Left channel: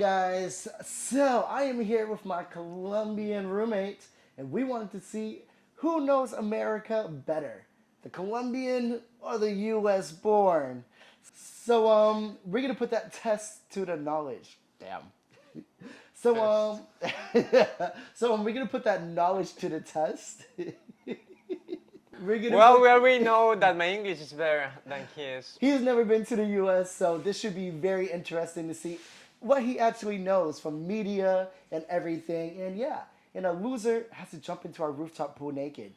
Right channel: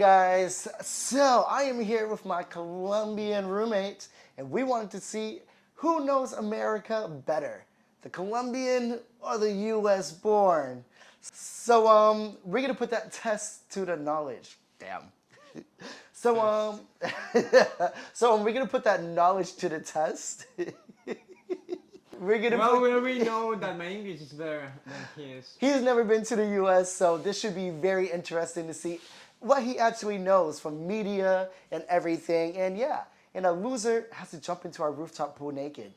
guys? So I am here with my Colombian roommate, and we wanted to see who knows America better, the Colombian or the U.S. born. So we're gonna put that test to the knowledge. Damn. So we're gonna put that knowledge to the test. We know that my English is better than his. He's never been to the U.S., so this should be very interesting to see what he actually knows from media and everything. And yeah, and a loser has to jump into our rooftop pool naked.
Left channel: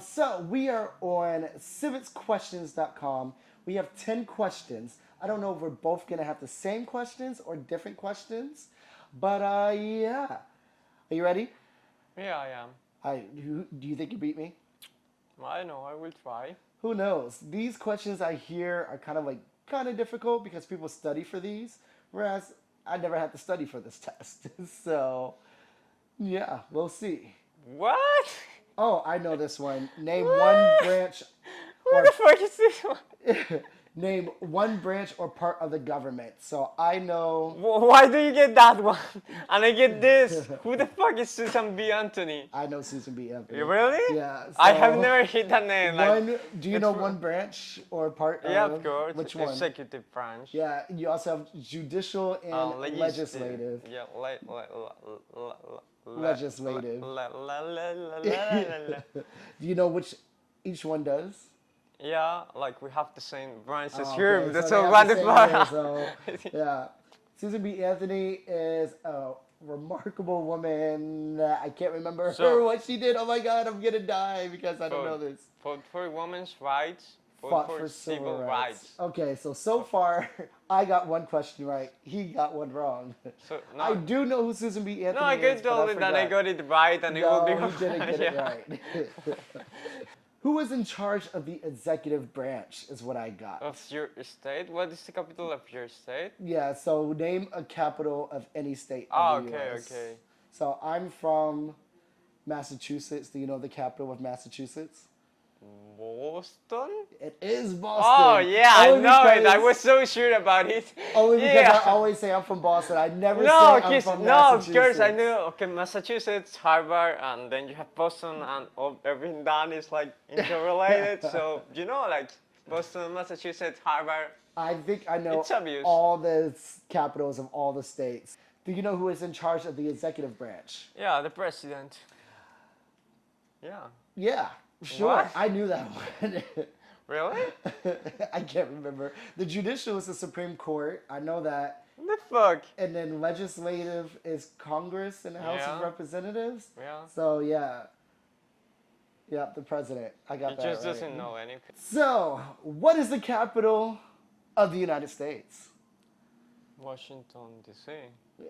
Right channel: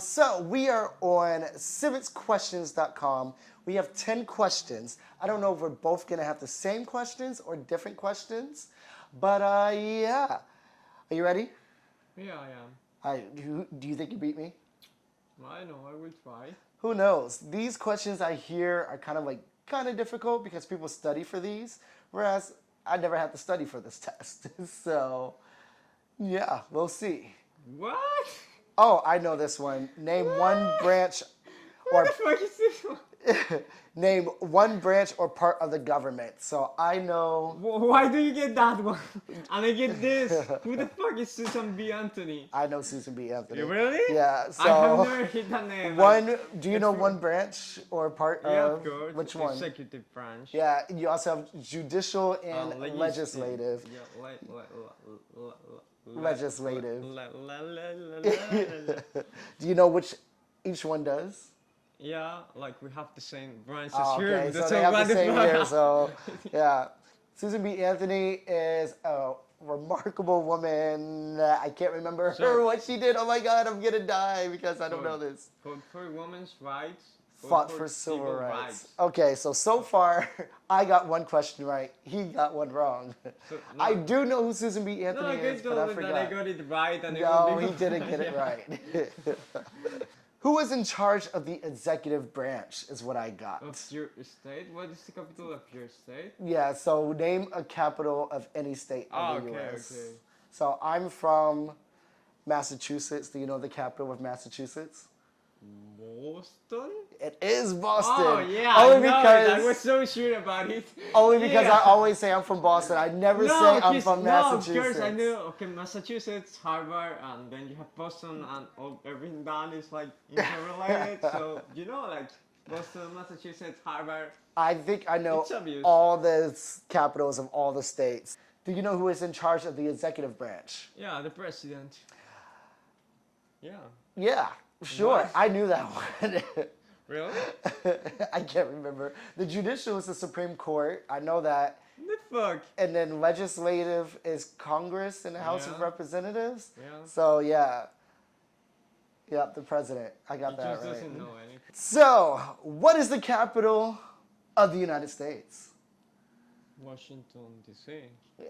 So we are on civicsquestions.com. We have 10 questions. I don't know if we're both going to have the same questions or different questions, but yeah. Are you ready? Yeah, I am. Do you think you beat me? I know, I will try. Who knows? These questions I hear are kind of difficult because people study for these, whereas I never had to study for this test. So, yeah, we'll see. What? Oh, I know this one. Name one branch. What the fuck is this one? Name one branch or part of the government. So I know. Why do you get that one? And I get this. Who the fuck is Susan B. Anthony? I know Susan B. Anthony. You really? Yeah. So I have never hit that name. Do you know one branch or part Yeah, of? of course. Which one? Executive branch. Yeah, you also have judicial and legislative. Yeah, Legislative. Do you know which each one does? Yeah, like we have the same branches Oh, here. okay, That's so so they have the same wonderful. here, so yeah, Susan B. Anthony is a remarkable woman. I can't remember her what she did. Oh my God, I'm gonna die because I don't know this. Fought for women's rights. Fought for civil rights. Okay, so far I got one question right. He got one wrong. So, no. I do know who Susan B. Anthony No, I is, could but tell that I got it right and it will be No, he didn't get it yeah. right. Who is in charge of the executive branch is what I got. Of your state? What is the capital of your state? Yeah, so name a capital of any state in the U.S. Okay. So I'm from Massachusetts. Do you know the capital of Massachusetts? Boston? It is Boston. Oh yeah, Only I know it. I because- was so sure about it. Only because Yeah. I always say I'm from Boston. I never say I'm from Massachusetts. of course I knew. Okay, Massachusetts, Harvard, and then you have Boston, and everything done is like interrelated. So you know, like Boston, Massachusetts, Harvard. I think I know It's obvious. all the capitals of all the states. Do you know who is in charge of the executive branch? Yeah, the president. Yeah. Yeah, sure. What? I knew that one. Really? I can't remember. The judicial is the Supreme Court. I know that. What the fuck? And then legislative is Congress and the House of Yeah. Representatives. Yeah. So yeah. Yeah, the president. I got He that just right. doesn't know anything. So, what is the capital of the United States? Washington, D.C.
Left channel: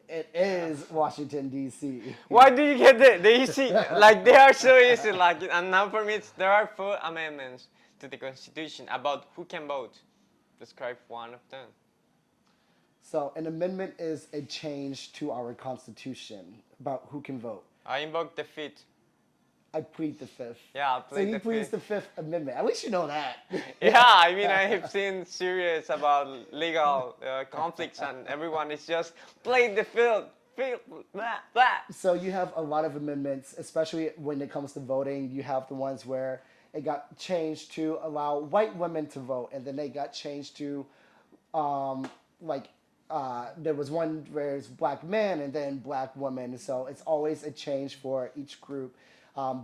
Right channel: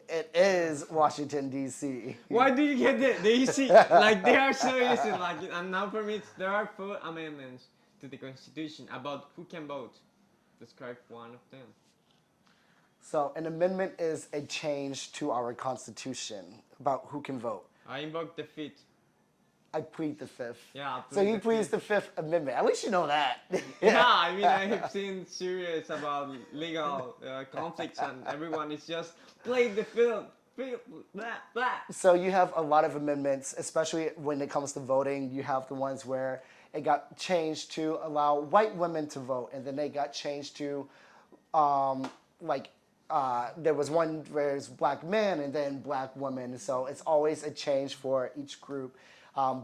It is Washington, D.C. Why do you get the easy? Like they are so easy. Like and now for me, there are 4 amendments to the Constitution about who can vote. Describe one of them. So, an amendment is a change to our Constitution about who can vote. I invoke the 5th. I plead the 5th. Yeah, I So plead he the pleads 5th. the 5th Amendment. At least you know that. Yeah, I mean I have seen series about legal conflicts, and everyone is just playing the field, blah blah. So you have a lot of amendments, especially when it comes to voting. You have the ones where it got changed to allow white women to vote, and then they got changed to, there was one where it's black men and then black women. So it's always a change for each group.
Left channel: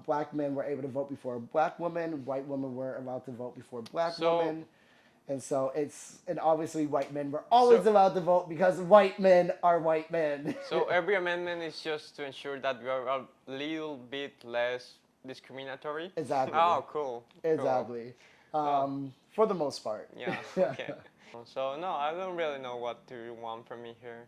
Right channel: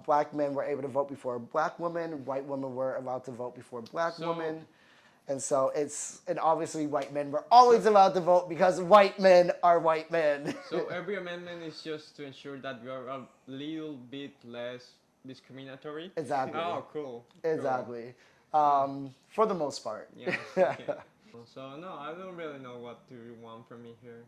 Black men were able to vote before black women. White women were allowed to vote before black women. And so and obviously white men were always allowed to vote because white men are white men. So every amendment is just to ensure that we are a little bit less discriminatory. Exactly. Oh, cool. Exactly. For the most part. Yeah. Okay. So no, I don't really know what do you want from me here.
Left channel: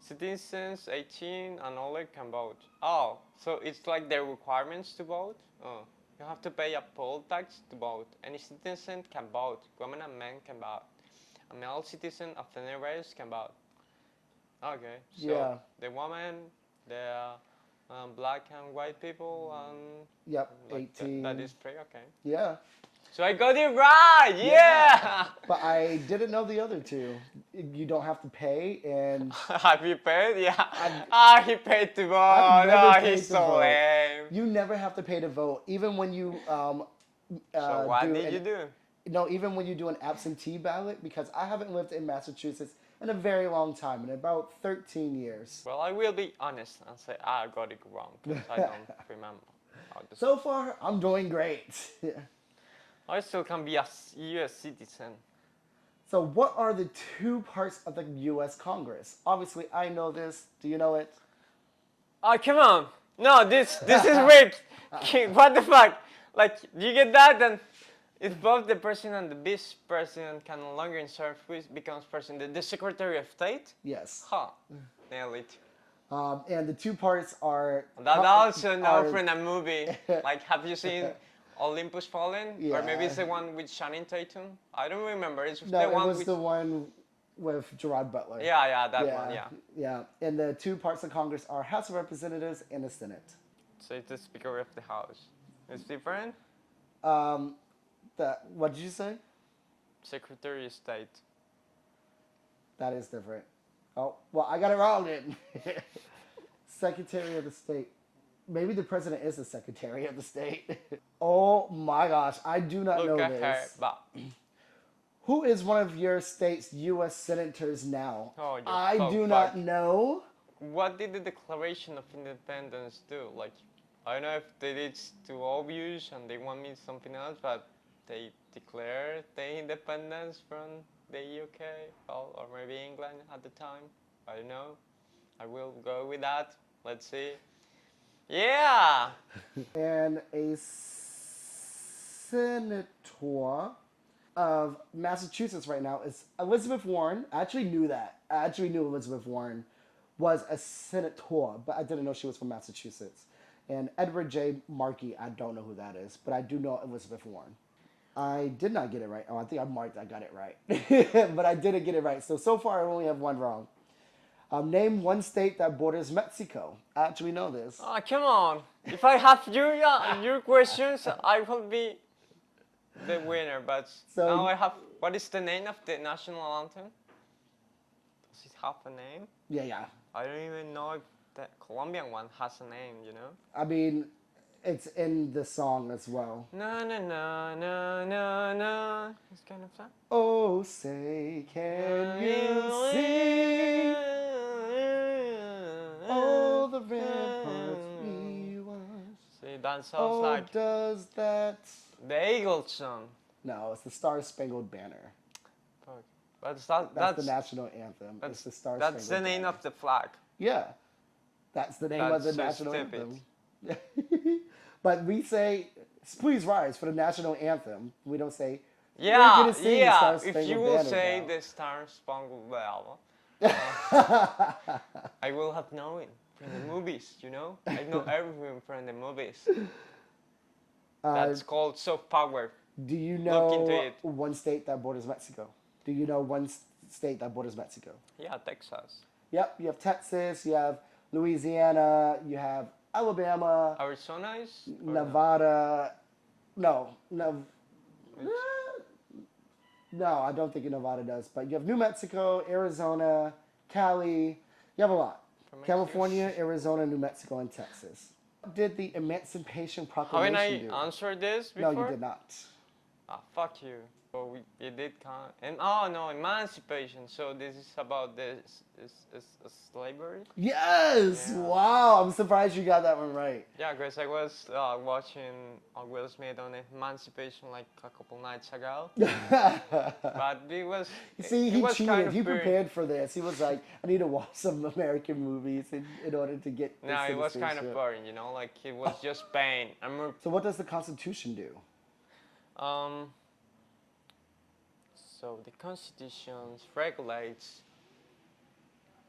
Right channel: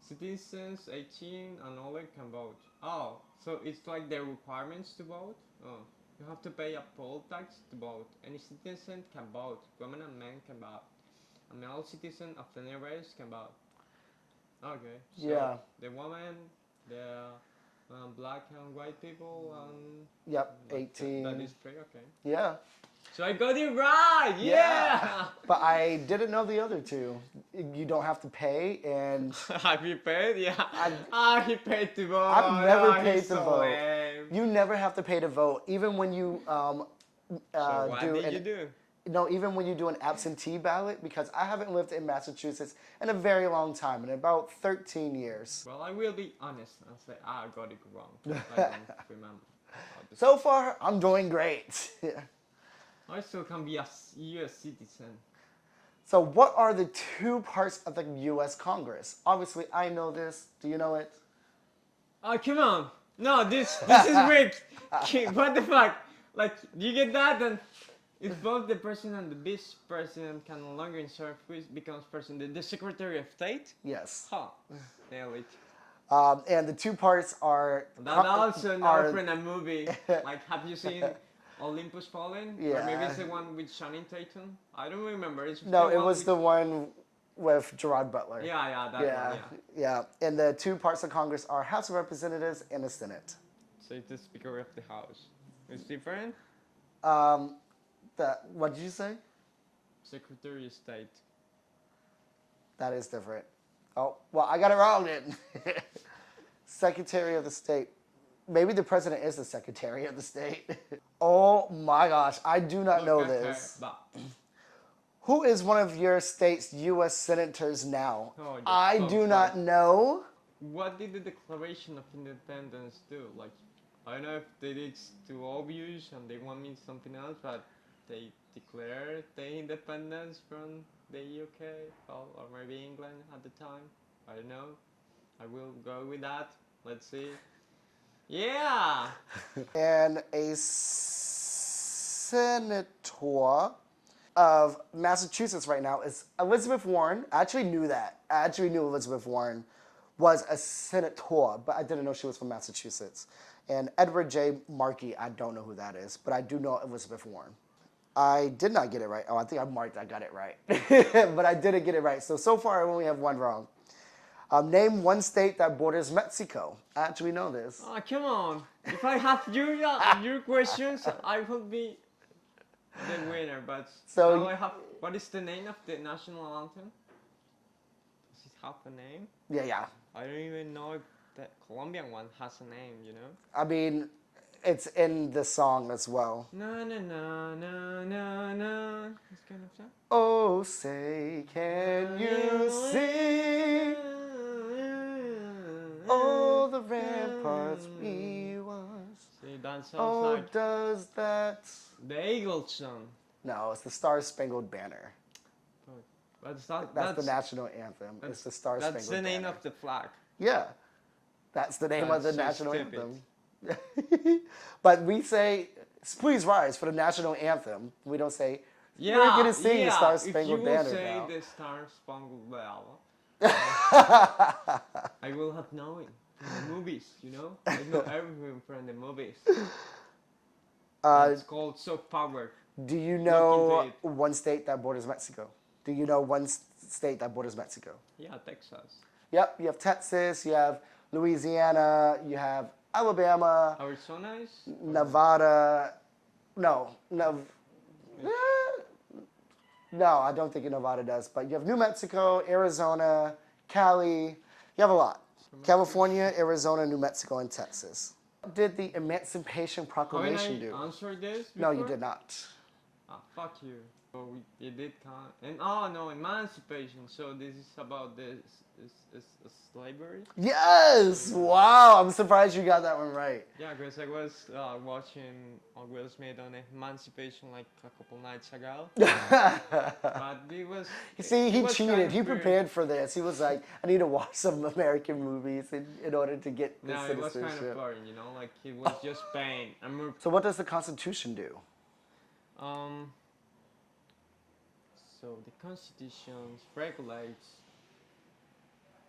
Citizens 18 and older can vote. Oh, so it's like the requirements to vote? Oh, you have to pay a poll tax to vote. Any citizen can vote. Women and men can vote. A male citizen of any race can vote. Okay, so Yeah. the woman, the black and white people, and Yep, 18. that is free, okay. Yeah. So I got it right. Yeah. But I didn't know the other two. You don't have to pay, and Have you paid? Yeah. He paid to vote. I've never paid He's to so vote. lame. You never have to pay to vote, even when you So what did you do? No, even when you do an absentee ballot, because I haven't lived in Massachusetts in a very long time, in about 13 years. Well, I will be honest and say I got it wrong. 'Cause I don't remember. So far, I'm doing great. I still can be a U.S. citizen. So what are the two parts of the U.S. Congress? Obviously, I know this. Do you know it? Oh, come on. No, this is rigged. What the fuck? Like, you get that? Then if both the president and the vice president can no longer serve, who becomes president? The Secretary of State? Yes. Huh. Nail it. And the two parts are... That also no from a movie. Like, have you seen Olympus Fallen? Yeah. Or maybe it's the one with Channing Tatum? I don't remember. It's No, the it one was with... the one with Gerard Butler. Yeah, that one, yeah. Yeah, and the two parts of Congress are House of Representatives and the Senate. So it's the Speaker of the House. It's different? What did you say? Secretary of State. That is different. Oh, well, I got it wrong then. Secretary of the State. Maybe the president is the Secretary of the State. Oh my gosh, I do not know Look at her this. butt. Who is one of your state's U.S. senators now? Oh, I do not know. What did the Declaration of Independence do? Like, I don't know if they did too obvious and they want me something else, but they declared the independence from the UK, well, or maybe England at the time. I don't know. I will go with that. Let's see. Yeah! And a senator of Massachusetts right now is Elizabeth Warren. I actually knew that. I actually knew Elizabeth Warren was a senator, but I didn't know she was from Massachusetts. And Edward J. Markey, I don't know who that is, but I do know Elizabeth Warren. I did not get it right. Oh, I think I got it right. But I didn't get it right. So far, I only have one wrong. Name one state that borders Mexico. I actually know this. Oh, come on. If I have your questions, I will be the winner. But So- now I have... What is the name of the national anthem? Does it have a name? Yeah. I don't even know if the Colombian one has a name, you know? I mean, it's in the song as well. No, no, no, no, no, no. It's kind of fun. Oh, say, can you see all the ramparts we once? See, that sounds Oh, like does that... the Eagles song. No, it's the Star Spangled Banner. Fuck. But That's the national anthem. It's the Star Spangled Banner. That's the name of the flag. Yeah, that's the name of the That's so national stupid. anthem. But we say, "Please rise" for the national anthem. We don't say, Yeah, "We're gonna sing the Star If you Spangled will Banner say now." the Star Spangled Banner, I will have known it from the movies, you know? I know everything from the movies. That's called soft power. Do you into know it. one state that borders Mexico? Do you know one state that borders Mexico? Yeah, Texas. Yep, you have Texas, you have Louisiana, you have Alabama, Arizona is? Nevada. No, I don't think Nevada does. But you have New Mexico, Arizona, Cali. You have a lot. California, Arizona, New Mexico, and Texas. What did the Emancipation Proclamation Haven't do? I answered this before? No, you did not. Ah, fuck you. So it did count. And oh no, emancipation. So this is about this is slavery. Yes! Yeah. Wow, I'm surprised you got that one right. Yeah, because I was watching Will Smith on Emancipation like a couple nights ago. But it was. You see, it he was cheated. kind of He weird. prepared for this. He was like, I need to watch some American movies in order to get this No, it was kind of citizenship. boring, you know, like it was just pain. So what does the Constitution do? So the Constitution regulates.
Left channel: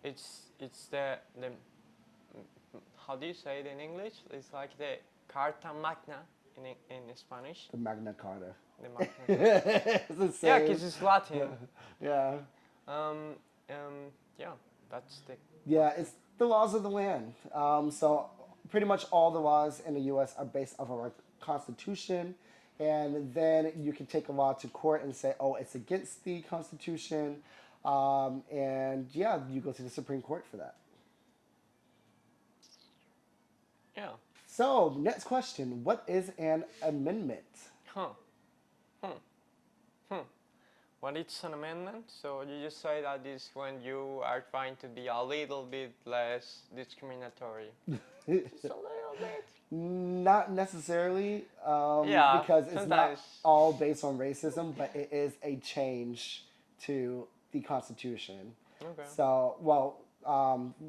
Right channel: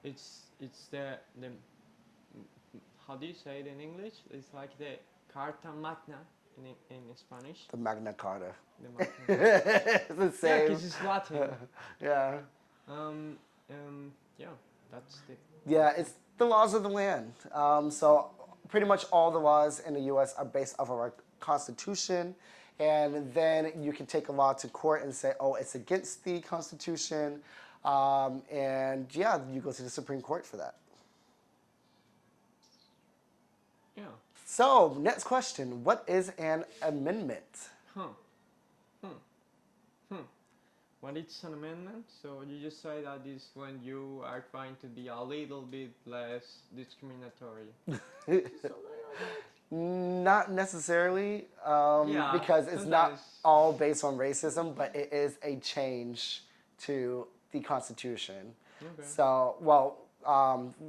It's the how do you say it in English? It's like the Carta Magna in Spanish. The Magna Carta. The Magna. It's the Yeah, same. because it's Latin. Yeah. Yeah, that's the. Yeah, it's the laws of the land. So pretty much all the laws in the U.S. are based off of our Constitution, and then you can take a law to court and say, oh, it's against the Constitution, and yeah, you go to the Supreme Court for that. Yeah. So, next question. What is an amendment? What is an amendment? So you just say that is when you are trying to be a little bit less discriminatory. Just a little bit. Not necessarily, Yeah, because it's not sometimes. all based on racism, but it is a change to the Constitution. Okay. So,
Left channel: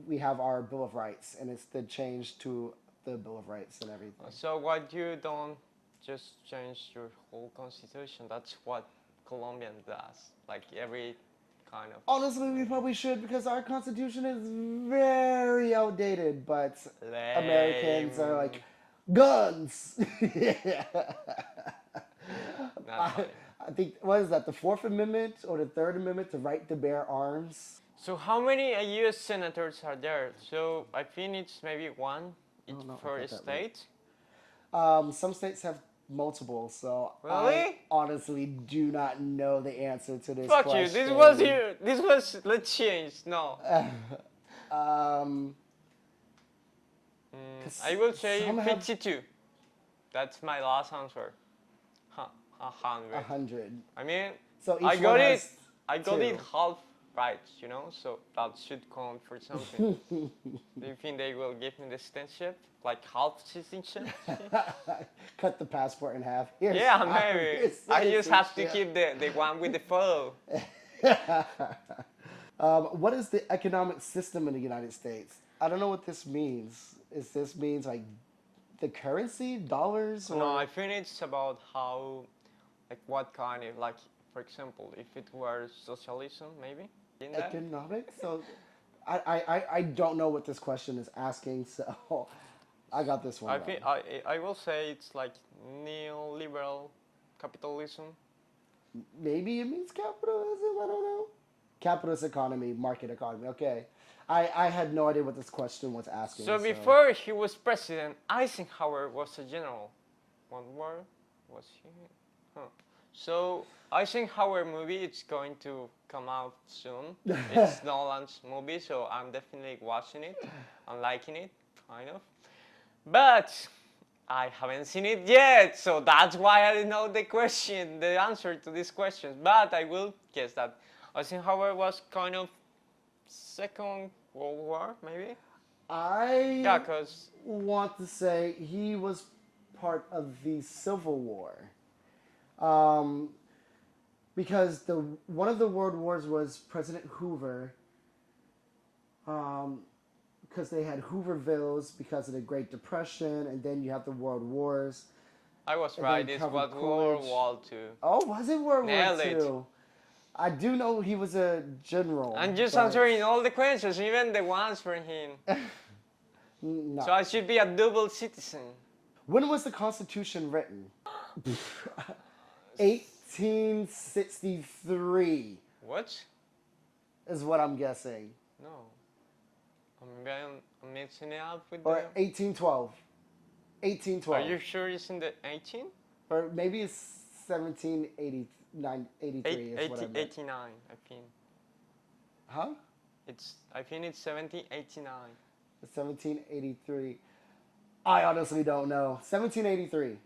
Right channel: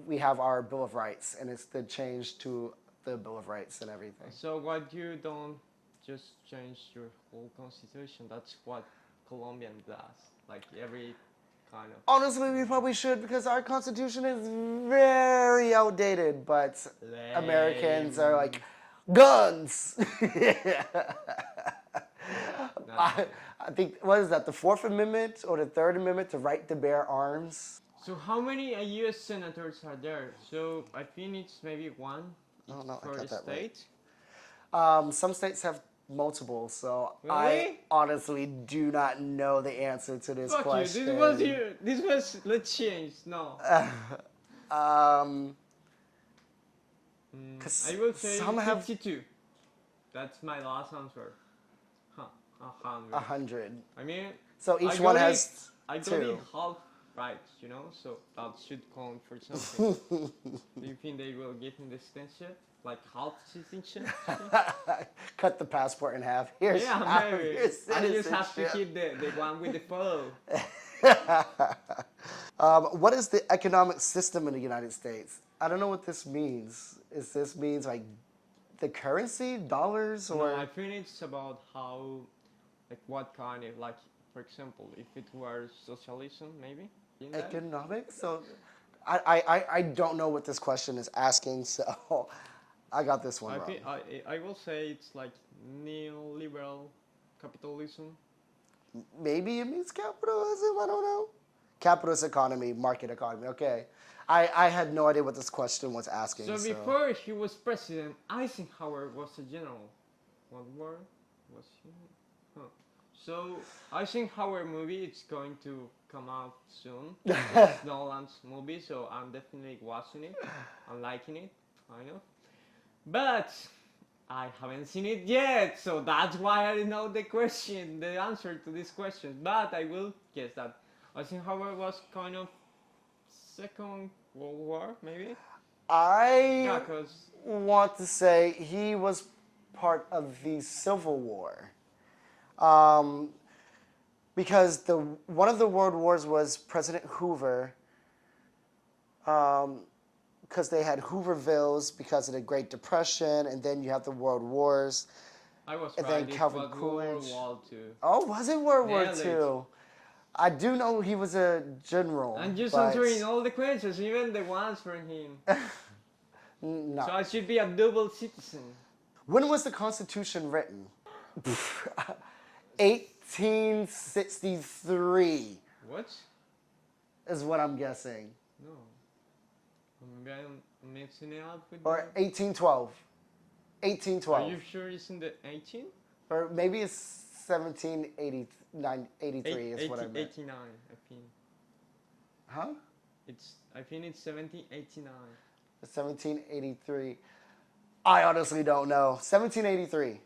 we have our Bill of Rights, and it's the change to the Bill of Rights and everything. So what you don't just change your whole constitution? That's what Colombian does. Like every kind of. Honestly, we probably should, because our Constitution is very outdated, but Americans are like, guns! I think, what is that, the Fourth Amendment or the Third Amendment, the right to bear arms? So how many U.S. senators are there? So I think it's maybe one each for a state. Some states have multiple, so Really? I honestly do not know the answer to this Fuck question. you! This was here. This was let's change. No. I will say 52. That's my last answer. 100. 100. I mean, So each I one got has it. I got two. it half right, you know. So that should count for something. Do you think they will give me the citizenship, like half citizenship? Cut the passport in half. Here's Yeah, half of maybe. your I just have to citizenship. keep the one with the photo. What is the economic system in the United States? I don't know what this means. Is this means like the currency, dollars, or? No, I think it's about how, like, what kind of, like, for example, if it were socialism, maybe. In that? Economics? So, I don't know what this question is asking, so I got this one I wrong. think I will say it's like neoliberal capitalism. Maybe it means capitalism. I don't know. Capitalist economy, market economy. Okay, I had no idea what this question was asking. So before he was president, Eisenhower was a general. What word was he? Huh. So Eisenhower movie, it's going to come out soon. It's Nolan's movie, so I'm definitely watching it. I'm liking it, kind of. But I haven't seen it yet, so that's why I didn't know the answer to this question. But I will guess that Eisenhower was kind of Second World War, maybe? I 'cause want to say he was part of the Civil War. Because one of the world wars was President Hoover. Because they had Hoovervilles because of the Great Depression, and then you have the World Wars. I was And right, then it Calvin was World Coolidge. War II. Oh, was it World War Nailed it. II? I do know he was a general. I'm just but answering all the questions, even the ones from him. No. So I should be a double citizen. When was the Constitution written? 1863 What? is what I'm guessing. No. I'm mixing it up with Or 1812. 1812. Are you sure it's in the 18? Or maybe it's 1783 is what I meant. 89, I think. Huh? I think it's 1789. 1783. I honestly don't know. 1783.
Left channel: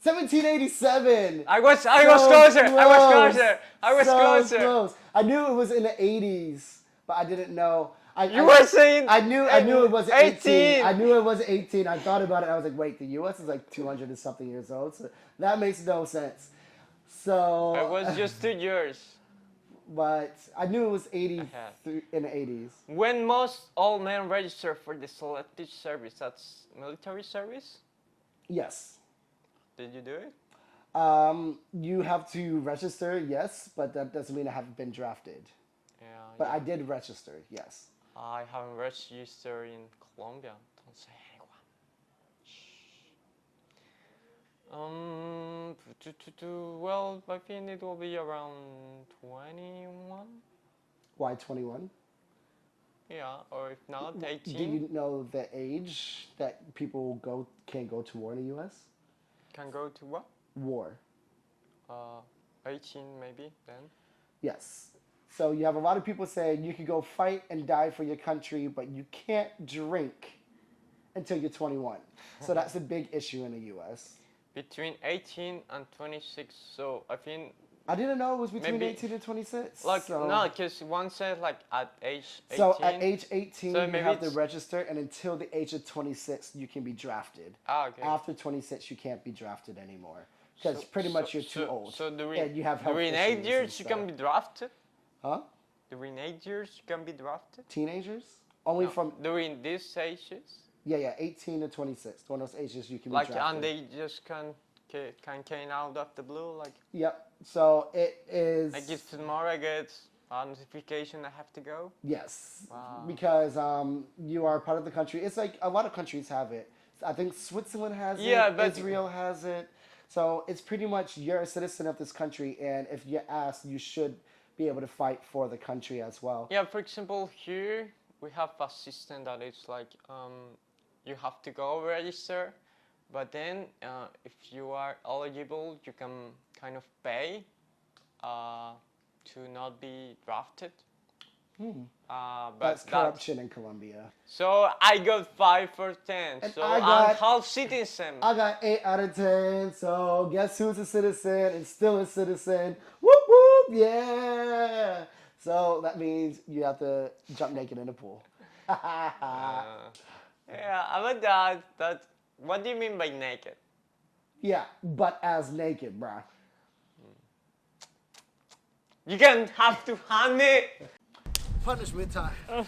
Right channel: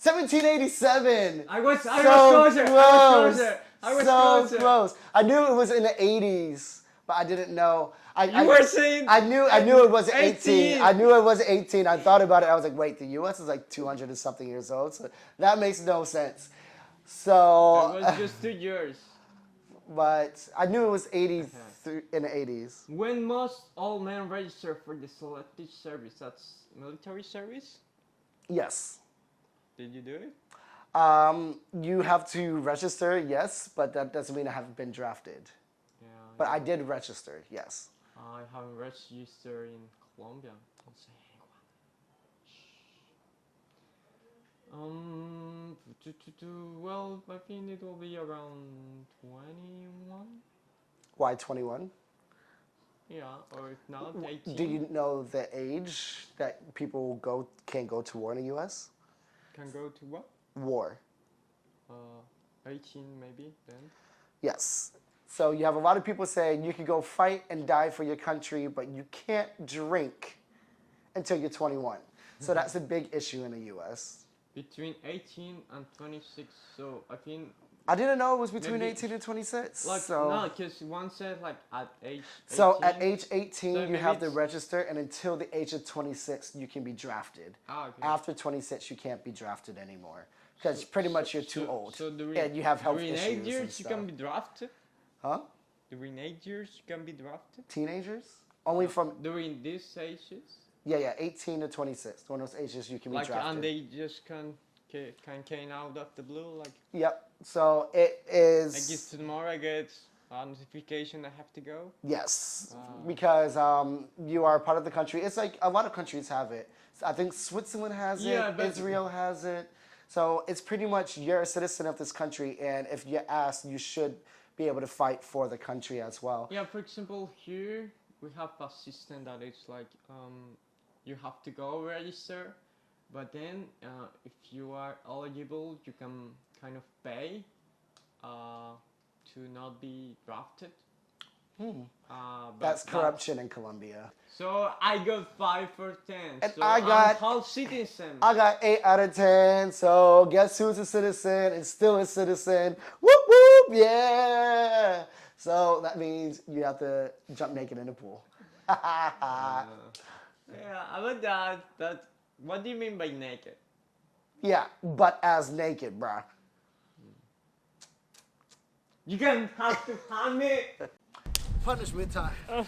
1787. I was So closer. close. I was So closer. close. I knew it was in the 80s, but I didn't know. You were saying I knew it was 18. 18. I knew it was 18. I thought about it. I was like, wait, the U.S. is like 200 and something years old. So that makes no sense. So. It was just 2 years. But I knew it was 80 in the 80s. When must all men register for the selective service? That's military service? Yes. Did you do it? You have to register, yes, but that doesn't mean I haven't been drafted. Yeah. But I did register, yes. I haven't registered in Colombia. Don't say anyone. Well, I think it will be around 21. Why 21? Yeah, or if not, 18. Do you know the age that people can go to war in the U.S.? Can go to what? war. 18 maybe then. Yes. So you have a lot of people saying you can go fight and die for your country, but you can't drink until you're 21. So that's a big issue in the U.S. Between 18 and 26, so I think... I didn't know it was between Maybe- 18 and 26. Like, so, no, because one said like at age 18. So at age 18, So you maybe have to it's- register, and until the age of 26, you can be drafted. Okay. After 26, you can't be drafted anymore. Because pretty much you're too old. So and you have health during issues 8 and years you stuff. can be drafted? Huh? During 8 years you can be drafted? Teenagers? Only No, from, during these ages? yeah, 18 to 26. One of those ages you can be Like, drafted. and they just can came out of the blue, like Yep. So it is. I guess tomorrow I get a notification I have to go. Yes, Wow. because you are part of the country. It's like a lot of countries have it. I think Switzerland has Yeah, it. but- Israel has it. So it's pretty much you're a citizen of this country, and if you're asked, you should be able to fight for the country as well. Yeah, for example, here we have a system that it's like you have to go register, but then if you are eligible, you can kind of pay to not be drafted. But That's corruption in Colombia. So I got 5 for 10. And so I I'm got- half citizen. I got 8 out of 10. So guess who's a citizen and still a citizen? Whoop whoop, yeah. So that means you have to jump naked in the pool. Yeah, about that. That. What do you mean by naked? Yeah, butt ass naked, bruh. You can have to hand it. Punishment time.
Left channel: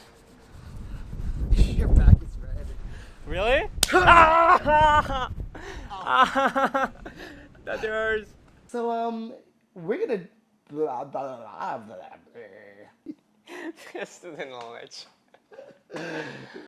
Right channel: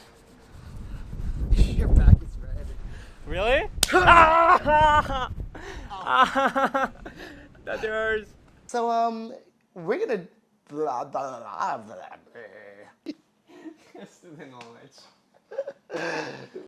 Your back is red. Really? That hurts. So we're gonna. Student knowledge.